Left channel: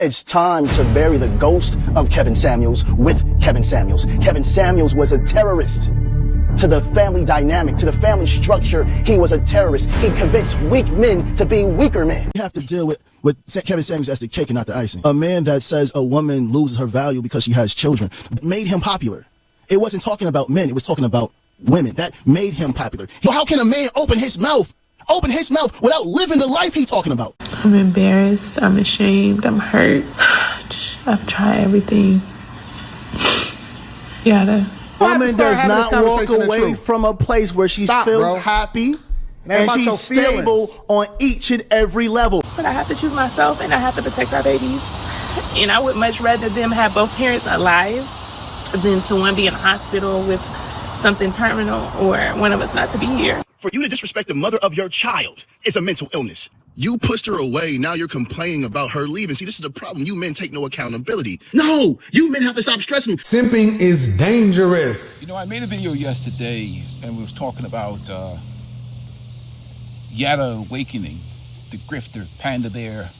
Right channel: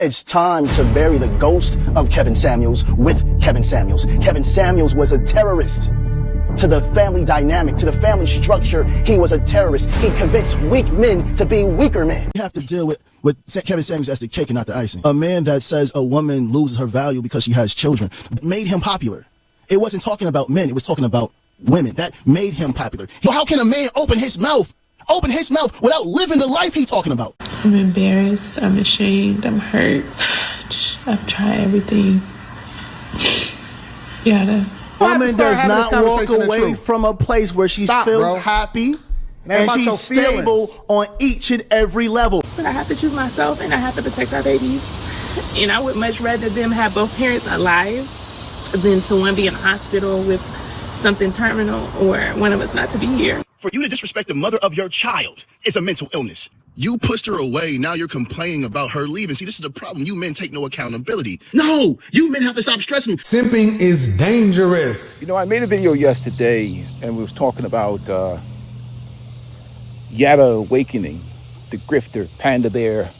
It's time to bury the ghost of Kevin Samuels with Kevin Samuels. Kevin Samuels was a terrorist. To the family dynamic, to the family structure, he was a terrorist. He convinced weak men to be weaker men. You have to deal with Kevin Samuels as the cake and not the icing. A man that says a woman loses her value because she has children made him popular. It wasn't talking about men, it was talking about women. That made him popular. So how can a man open his mouth without living the life he's talking about? I'm embarrassed, I'm ashamed, I'm hurt. I've tried everything. Yada. Woman does not walk away from a place where she feels happy and she's stable on each and every level. But I have to choose myself and I have to protect our babies. And I would much rather them have both parents alive than to one be in a hospital with something terminal or one of us not to be here. For you to disrespect the mother of your child is a mental illness. You pushed her away. Now you're complaining about her leaving. See, this is the problem. You men take no accountability. No, you men have to stop stressing. Simping is dangerous. You know, I made a video yesterday and we was talking about Yada awakening, the grifter, panda bear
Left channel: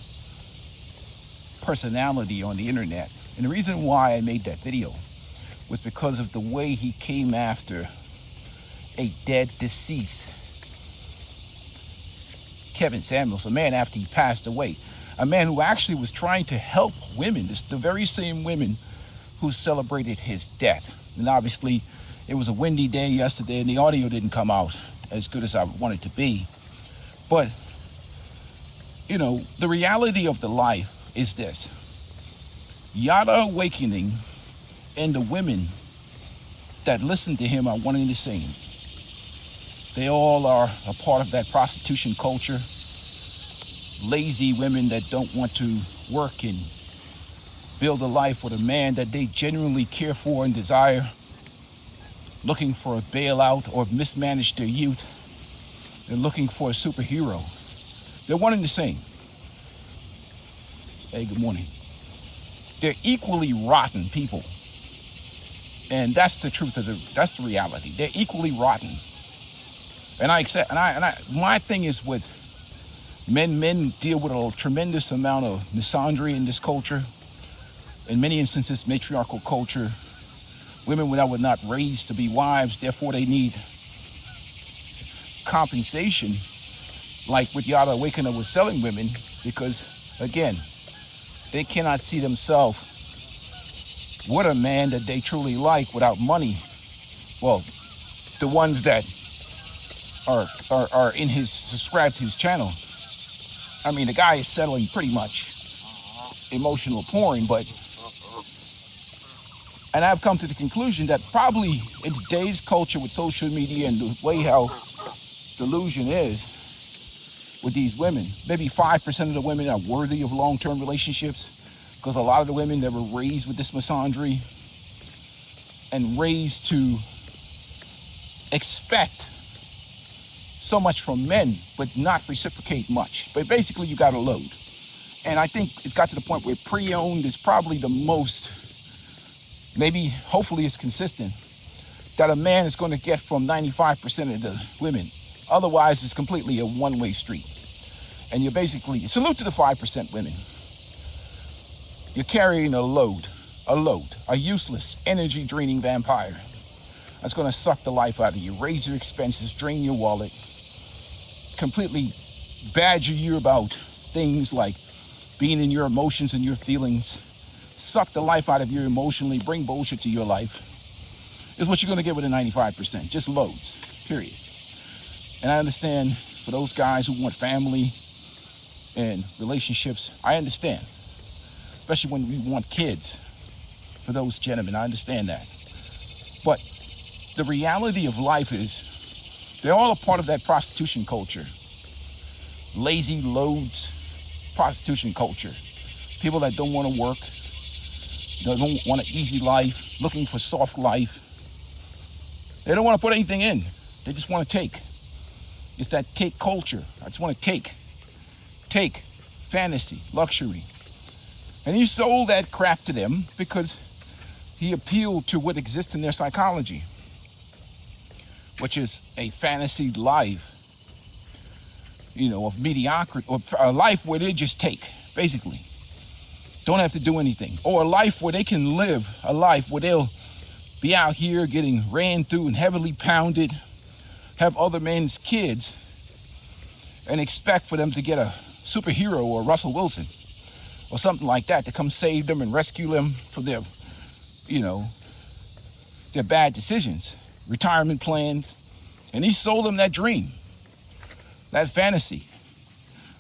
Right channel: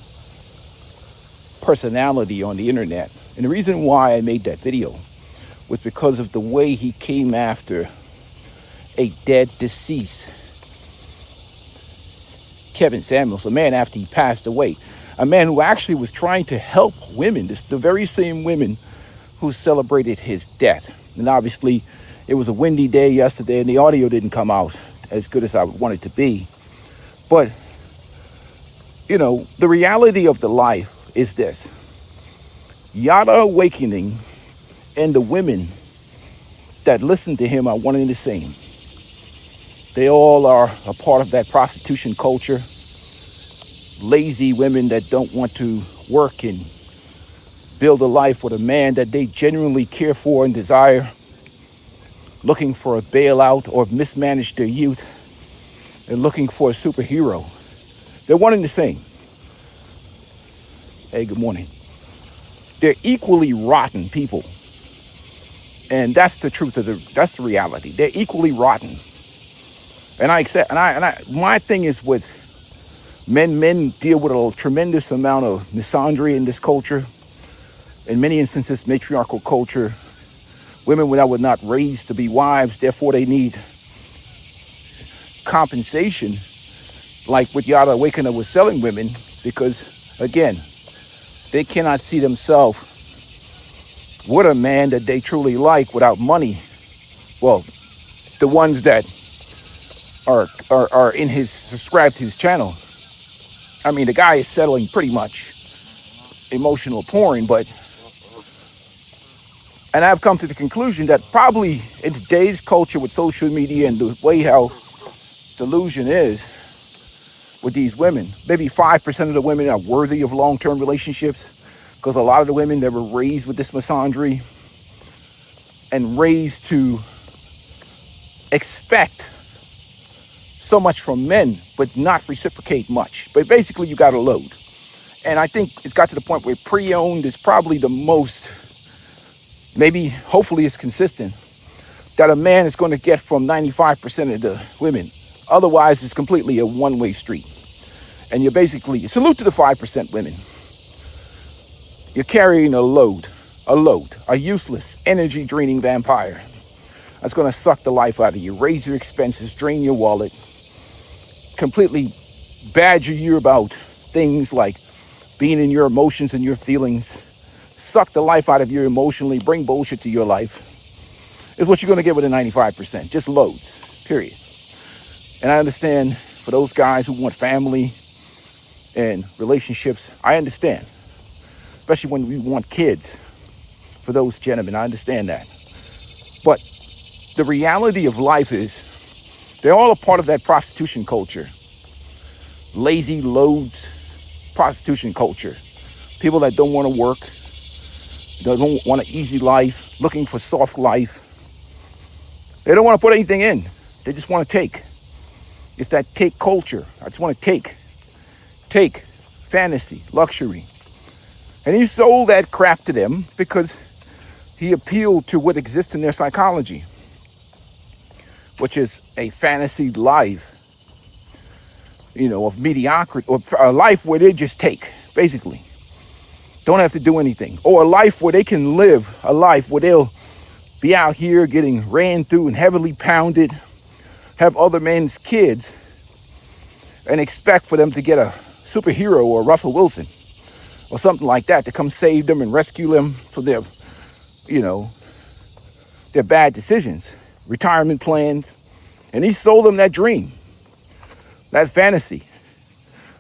personality on the internet. And the reason why I made that video was because of the way he came after a dead, deceased Kevin Samuels, a man after he passed away, a man who actually was trying to help women. This is the very same women who celebrated his death. And obviously it was a windy day yesterday and the audio didn't come out as good as I would want it to be. But, you know, the reality of the life is this. Yada awakening and the women that listen to him are one and the same. They all are a part of that prostitution culture. Lazy women that don't want to work and build a life with a man that they genuinely care for and desire. Looking for a bailout or mismanaged their youth. They're looking for a superhero. They're one and the same. Hey, good morning. They're equally rotten people. And that's the truth of that's the reality. They're equally rotten. And I accept, my thing is with men deal with a tremendous amount of misandry in this culture. In many instances, matriarchal culture. Women that were not raised to be wives, therefore they need compensation, like with Yada Awakener was selling women, because again, they cannot see themselves with a man that they truly like without money. Well, the ones that are in his, subscribed to his channel. I mean, the guy is settling pretty much emotional porn, and I've come to the conclusion that probably in today's culture with social media and the way how delusion is with these women, maybe 5% of the women are worthy of long-term relationships, because a lot of the women that were raised with this misandry and raised to expect so much from men, but not reciprocate much. But basically you got a load. And I think it's got to the point where pre-owned is probably the most, maybe, hopefully it's consistent, that a man is going to get from 95% of the women. Otherwise, it's completely a one-way street. And you're basically, salute to the 5% women. You're carrying a load, a useless, energy-draining vampire that's going to suck the life out of you, raise your expenses, drain your wallet, completely badger you about things like being in your emotions and your feelings, suck the life out of you emotionally, bring bullshit to your life, is what you're going to get with a 95%. Just loads, period. And I understand for those guys who want family and relationships, I understand. Especially when we want kids. For those gentlemen, I understand that. But the reality of life is they're all a part of that prostitution culture. Lazy loads, prostitution culture. People that don't want to work, don't want an easy life, looking for soft life. They don't want to put anything in. They just want to take. It's that take culture. I just want to take. Take. Fantasy. Luxury. And he sold that crap to them because he appealed to what exists in their psychology, which is a fantasy life, you know, of mediocrity, or a life where they just take, basically. don't have to do anything, or a life where they can live a life where they'll be out here getting ran through and heavily pounded, have other men's kids, and expect for them to get a superhero or Russell Wilson or something like that to come save them and rescue them from their, their bad decisions, retirement plans. And he sold them that dream, that fantasy.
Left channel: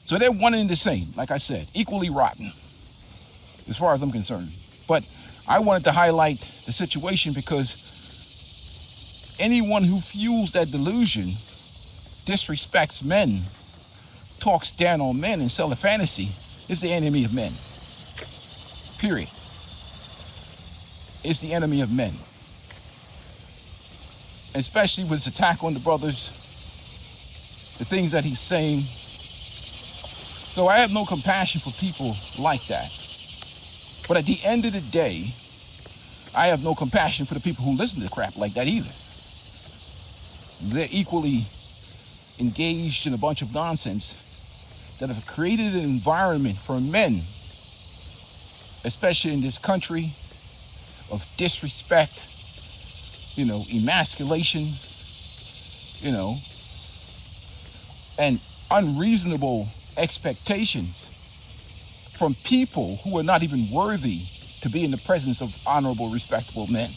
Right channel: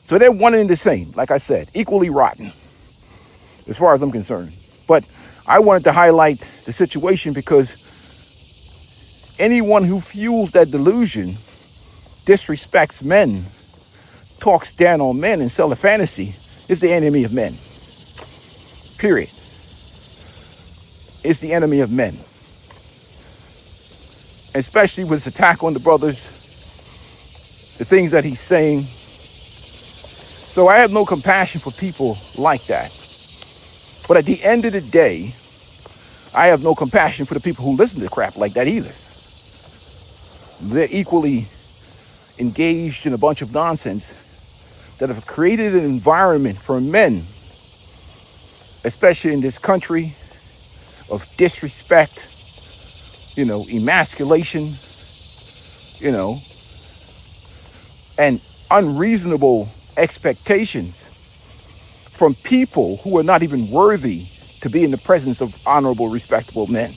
So they're one and the same, like I said, equally rotten, as far as I'm concerned. But I wanted to highlight the situation because anyone who fuels that delusion, disrespects men, talks down on men and sells a fantasy, is the enemy of men. Period. Is the enemy of men. Especially with his attack on the brothers, the things that he's saying. So I have no compassion for people like that. But at the end of the day, I have no compassion for the people who listen to crap like that either. They're equally engaged in a bunch of nonsense that have created an environment for men, especially in this country, of disrespect, emasculation, and unreasonable expectations from people who are not even worthy to be in the presence of honorable, respectable men.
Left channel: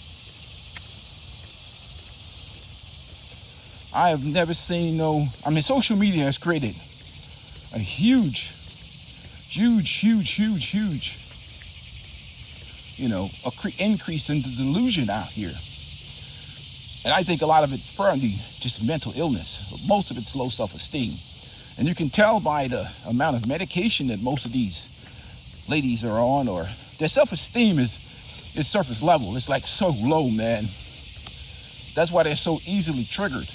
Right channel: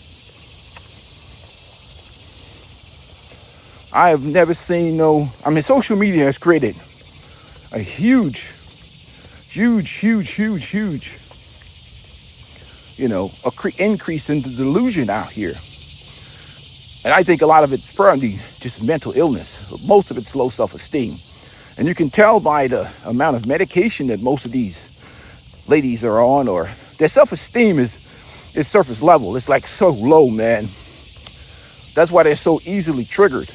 I have never seen social media has created a huge, increase in the delusion out here. And I think a lot of it's probably just mental illness. Most of it's low self-esteem. And you can tell by the amount of medication that most of these ladies are on, or their self-esteem is surface level. It's like so low, man. That's why they're so easily triggered.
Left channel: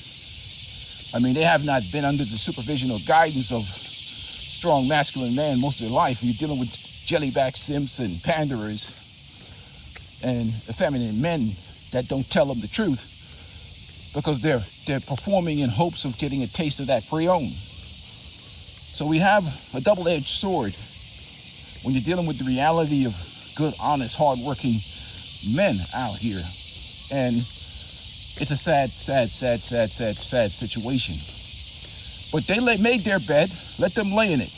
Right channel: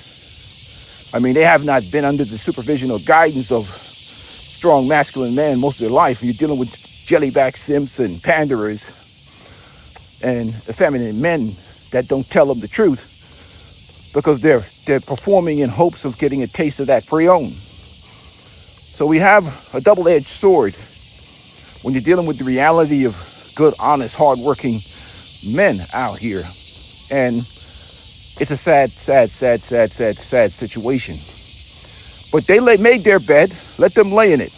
I mean, they have not been under the supervision or guidance of strong masculine men most of their life. You're dealing with jellyback simps and panderers and effeminate men that don't tell them the truth because they're performing in hopes of getting a taste of that pre-owned. So we have a double-edged sword when you're dealing with the reality of good, honest, hardworking men out here. And it's a sad situation. But they made their bed, let them lay in it.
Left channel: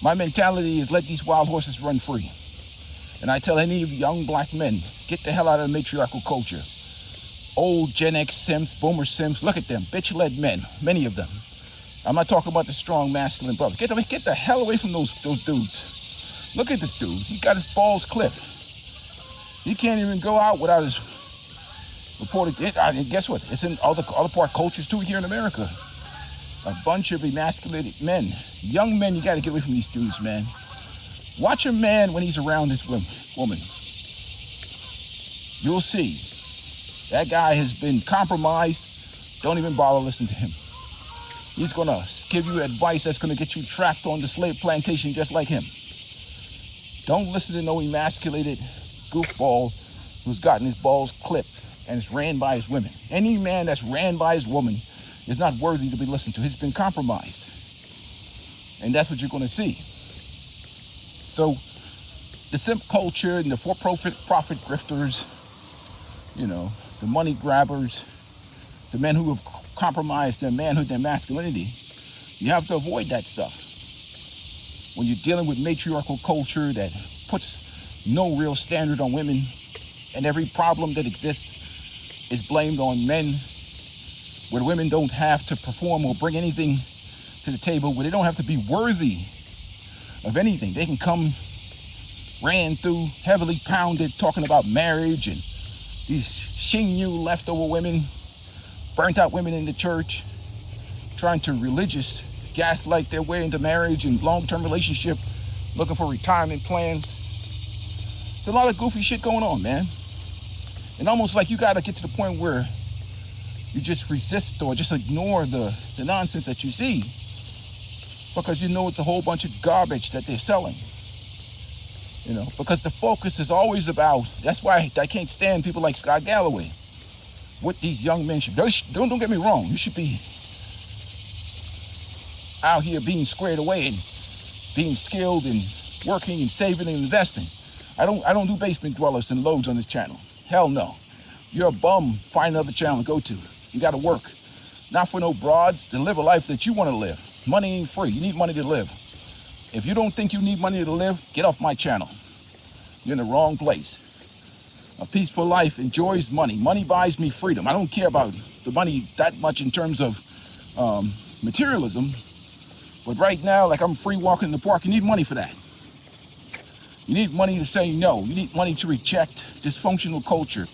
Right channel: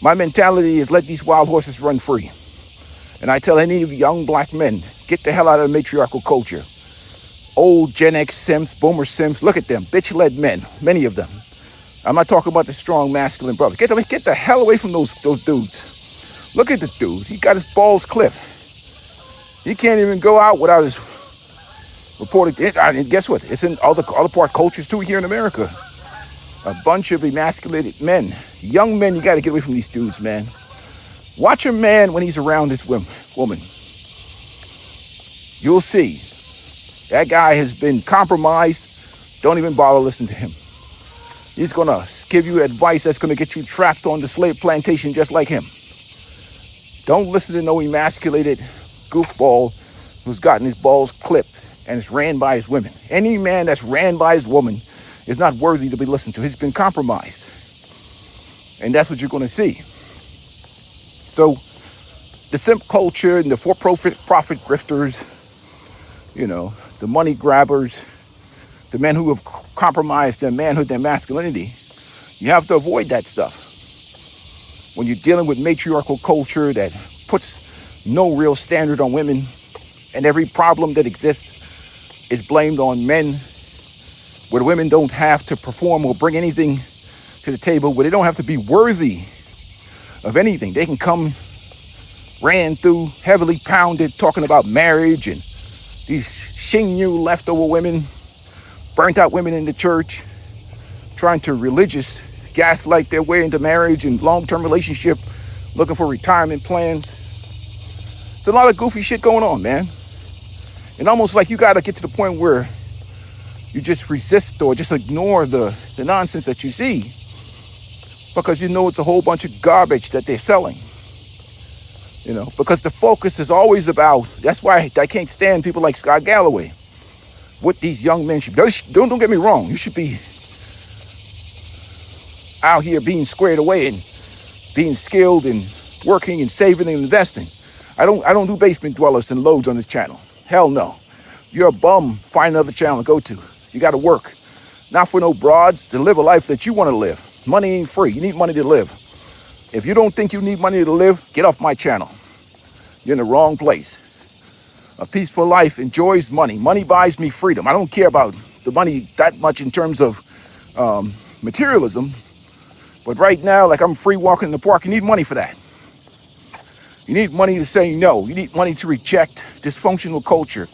My mentality is let these wild horses run free. And I tell any of young black men, get the hell out of the matriarchal culture. Old Gen X simps, boomer simps, look at them, bitch-led men, many of them. I'm not talking about the strong masculine brothers. Get the hell away from those dudes. Look at the dude. He got his balls clipped. He can't even go out without his reported. And guess what? It's in other part cultures too here in America. A bunch of emasculated men. Young men, you got to get away from these dudes, man. Watch a man when he's around this woman. You'll see. That guy has been compromised. Don't even bother listening to him. He's going to give you advice that's going to get you trapped on the slave plantation just like him. Don't listen to no emasculated goofball who's gotten his balls clipped and is ran by his women. Any man that's ran by his woman is not worthy to be listened to. He's been compromised. And that's what you're going to see. So the simp culture and the for-profit grifters, the money grabbers, the men who have compromised their manhood, their masculinity, you have to avoid that stuff. When you're dealing with matriarchal culture that puts no real standard on women, and every problem that exists is blamed on men, where the women don't have to perform or bring anything to the table, where they don't have to be worthy of anything. They can come ran through, heavily pounded, talking about marriage and these Xinyu leftover women, burnt out women in the church, trying to religious gaslight their way into marriage and long-term relationship, looking for retirement plans. There's a lot of goofy shit going on, man. And almost like you got to get to the point where you just resist or just ignore the nonsense that you see, because you know it's a whole bunch of garbage that they're selling. Because the focus is always about, that's why I can't stand people like Scott Galloway. What these young men should, don't get me wrong, you should be out here being squared away and being skilled and working and saving and investing. I don't do basement dwellers and loads on this channel. Hell no. You're a bum, find another channel to go to. You gotta work. Not for no broads, to live a life that you want to live. Money ain't free. You need money to live. If you don't think you need money to live, get off my channel. You're in the wrong place. A peaceful life enjoys money. Money buys me freedom. I don't care about the money that much in terms of materialism. But right now, like I'm free walking in the park, you need money for that. You need money to say no. You need money to reject dysfunctional culture.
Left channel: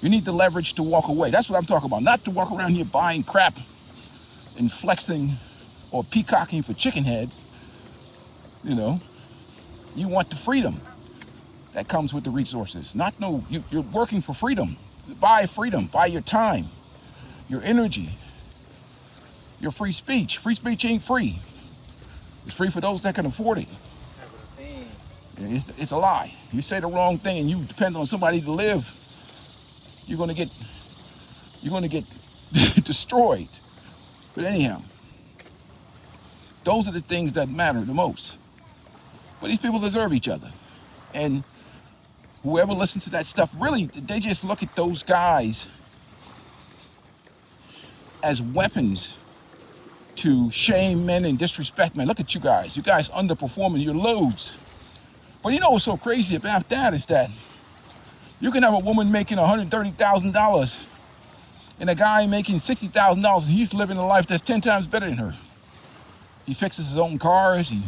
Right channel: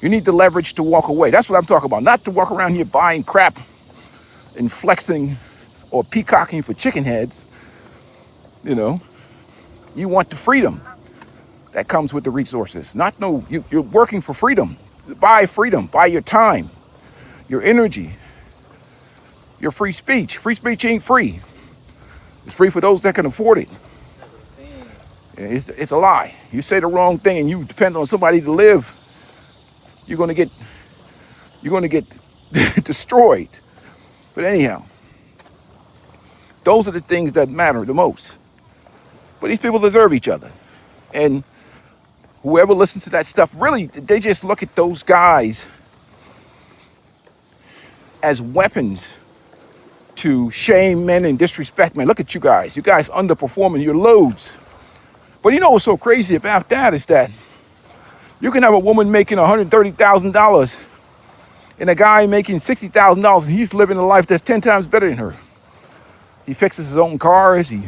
You need the leverage to walk away. That's what I'm talking about. Not to walk around here buying crap and flexing or peacocking for chicken heads. You know, you want the freedom that comes with the resources. Not no, you're working for freedom. Buy freedom, buy your time, your energy, your free speech. Free speech ain't free. It's free for those that can afford it. It's a lie. You say the wrong thing and you depend on somebody to live, you're gonna get destroyed. But anyhow, those are the things that matter the most. But these people deserve each other. And whoever listens to that stuff, really, they just look at those guys as weapons to shame men and disrespect men. Look at you guys. You guys underperforming your loads. But you know what's so crazy about that is that you can have a woman making $130,000 and a guy making $60,000 and he's living a life that's 10 times better than her. He fixes his own cars. He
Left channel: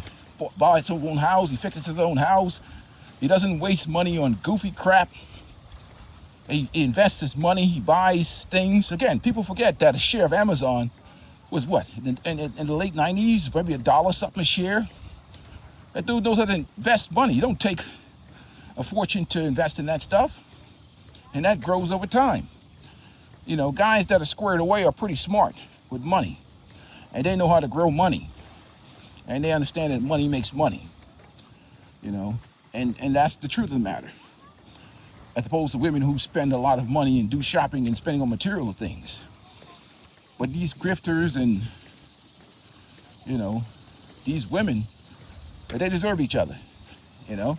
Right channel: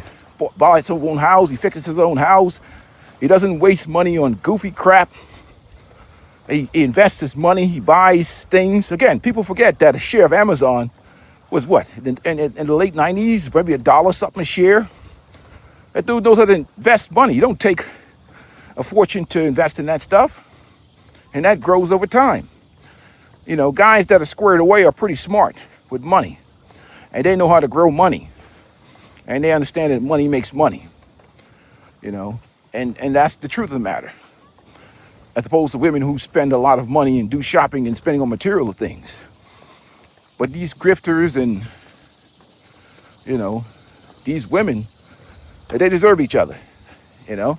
buys his own house. He fixes his own house. He doesn't waste money on goofy crap. He invests his money. He buys things. Again, people forget that a share of Amazon was what? In the late 90s, maybe $1 something a share. That dude knows how to invest money. You don't take a fortune to invest in that stuff. And that grows over time. You know, guys that are squared away are pretty smart with money. And they know how to grow money. And they understand that money makes money. You know, and that's the truth of the matter. As opposed to women who spend a lot of money and do shopping and spending on material things. But these grifters and, you know, these women, they deserve each other, you know?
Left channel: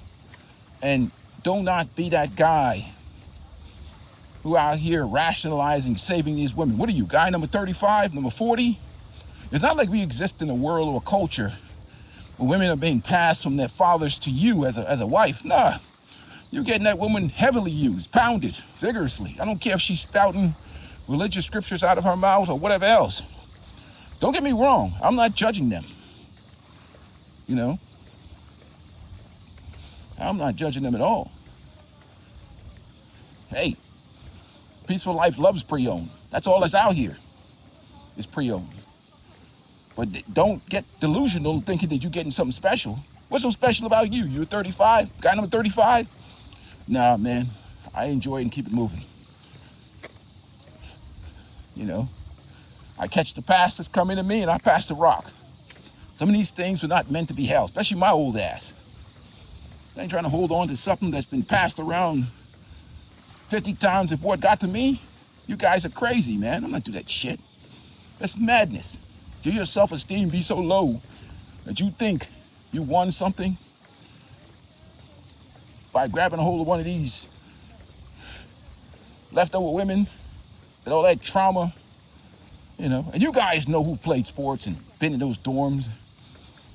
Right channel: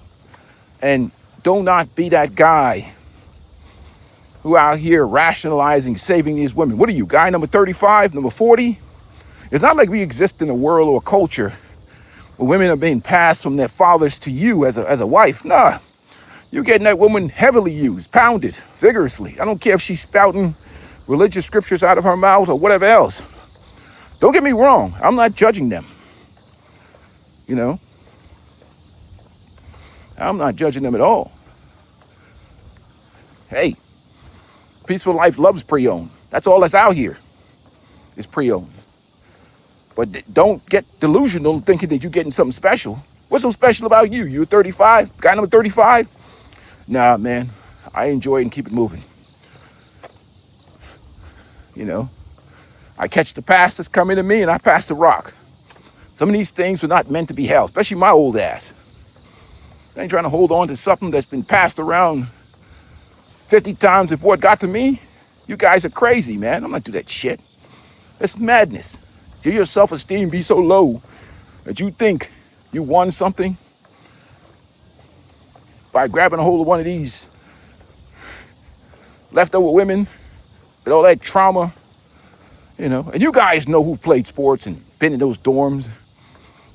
And do not be that guy who out here rationalizing saving these women. What are you, guy number 35, number 40? It's not like we exist in a world or a culture where women are being passed from their fathers to you as a wife. Nah, you're getting that woman heavily used, pounded vigorously. I don't care if she's spouting religious scriptures out of her mouth or whatever else. Don't get me wrong. I'm not judging them. You know, I'm not judging them at all. Hey, Peaceful Life loves pre-owned. That's all that's out here is pre-owned. But don't get delusional thinking that you're getting something special. What's so special about you? You're 35, guy number 35? Nah, man, I enjoy it and keep it moving. You know, I catch the pastors coming to me and I pass the rock. Some of these things were not meant to be held, especially my old ass. I ain't trying to hold on to something that's been passed around 50 times before it got to me. You guys are crazy, man. I'm not do that shit. That's madness. Your self-esteem be so low that you think you won something by grabbing a hold of one of these leftover women with all that trauma, you know. And you guys know who played sports and been in those dorms,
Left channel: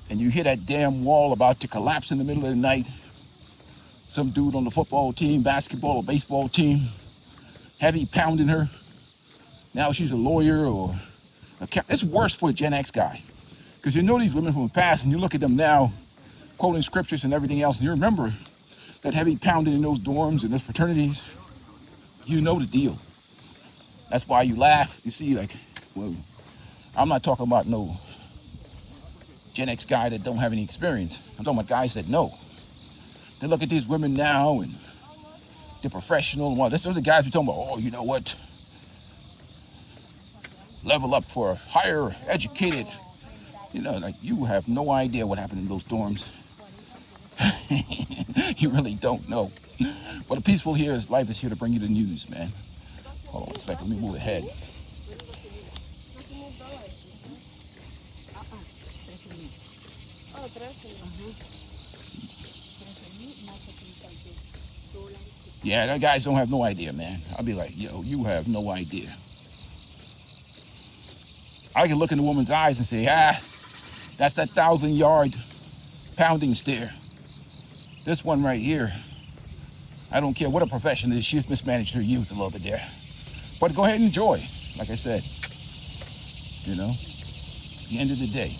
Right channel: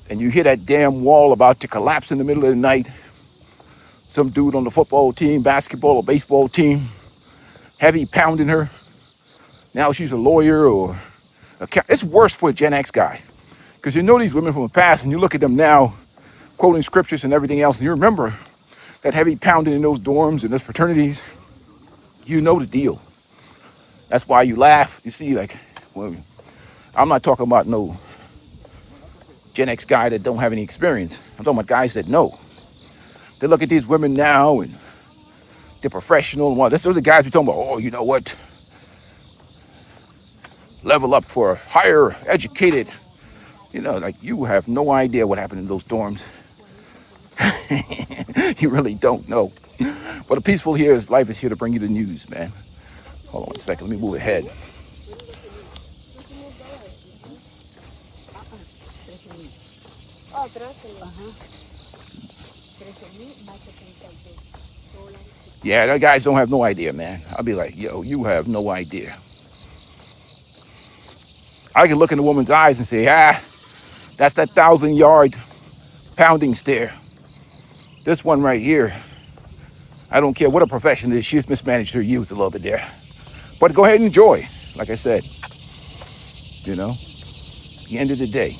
and you hear that damn wall about to collapse in the middle of the night. Some dude on the football team, basketball or baseball team, heavy pounding her. Now she's a lawyer or it's worse for a Gen X guy. Because you know these women from the past and you look at them now quoting scriptures and everything else, and you remember that heavy pounding in those dorms and those fraternities. You know the deal. That's why you laugh. You see, like, well, I'm not talking about no Gen X guy that don't have any experience. I'm talking about guys that know. They look at these women now and they're professional and all. Those are the guys who talking about, oh, you know what? Level up for higher educated. You know, like you have no idea what happened in those dorms. You really don't know. But a peaceful life is here to bring you the news, man. Hold on a second, let me move ahead. Yeah, the guys don't have no idea, man. I'll be like, yo, you have no idea. I can look in a woman's eyes and say, that's that 1,000-yard pounding stare. This one right here, I don't care what a profession is, she's mismanaged her youth a little bit there. But go ahead and enjoy, like I said. You know, at the end of the day,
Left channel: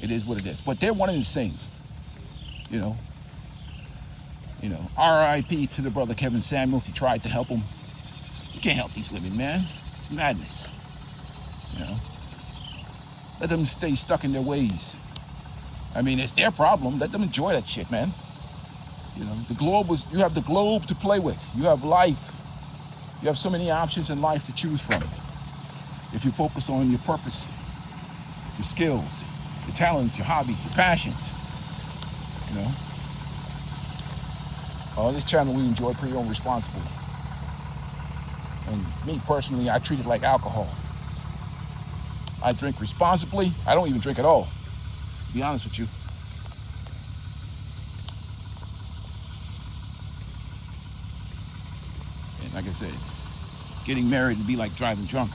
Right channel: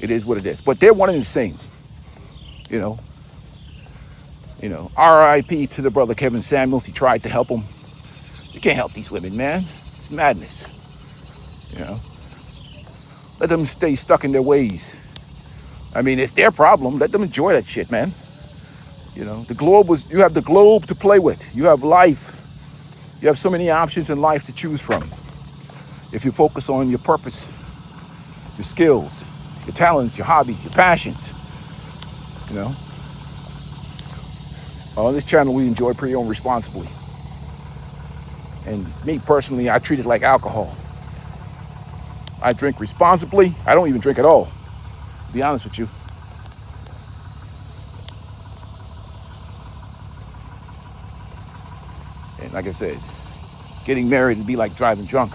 it is what it is. But they're one and the same. You know, R.I.P. to the brother Kevin Samuels. He tried to help him. You can't help these women, man. It's madness. You know, let them stay stuck in their ways. I mean, it's their problem. Let them enjoy that shit, man. You know, you have the globe to play with. You have life. You have so many options in life to choose from. If you focus on your purpose, your skills, your talents, your hobbies, your passions, you know. On this channel, we enjoy pre-owned responsibly. And me personally, I treat it like alcohol. I drink responsibly. I don't even drink at all, to be honest with you. And like I said, getting married would be like driving drunk.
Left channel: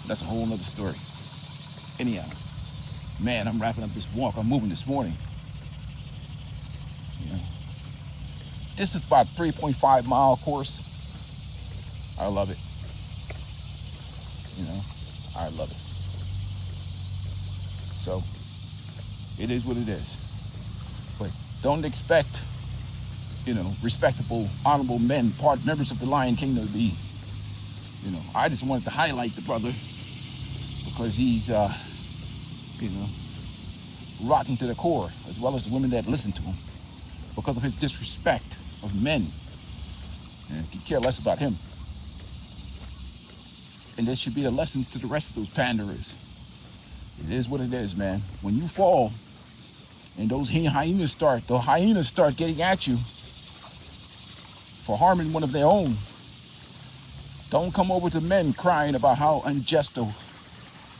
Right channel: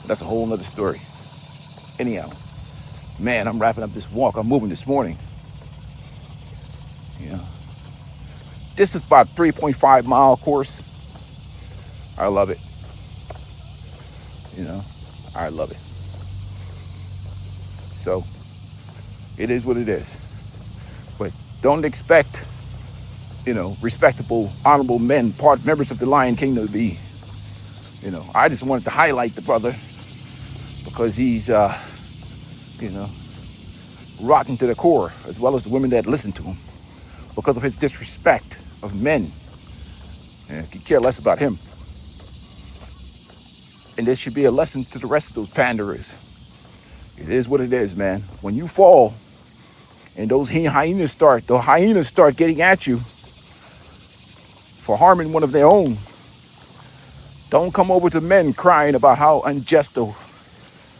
But that's a whole nother story. Anyhow, man, I'm wrapping up this walk. I'm moving this morning. You know, this is about 3.5 mile course. I love it. You know, I love it. So it is what it is. But don't expect, you know, respectable, honorable men, members of the Lion Kingdom to be, you know. I just wanted to highlight the brother because he's, you know, rotten to the core, as well as the women that listen to him, because of his disrespect of men. And could care less about him. And this should be a lesson to the rest of those panderers. It is what it is, man. When you fall and those hyenas start getting at you for harming one of their own, don't come over to men crying about how unjust or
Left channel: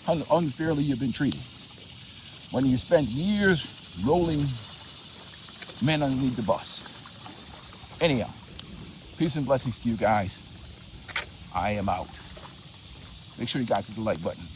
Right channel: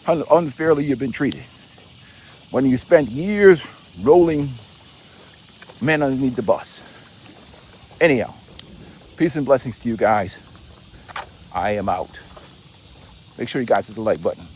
how unfairly you've been treated. When you spent years rolling men underneath the bus. Anyhow, peace and blessings to you guys. I am out. Make sure you guys hit the like button.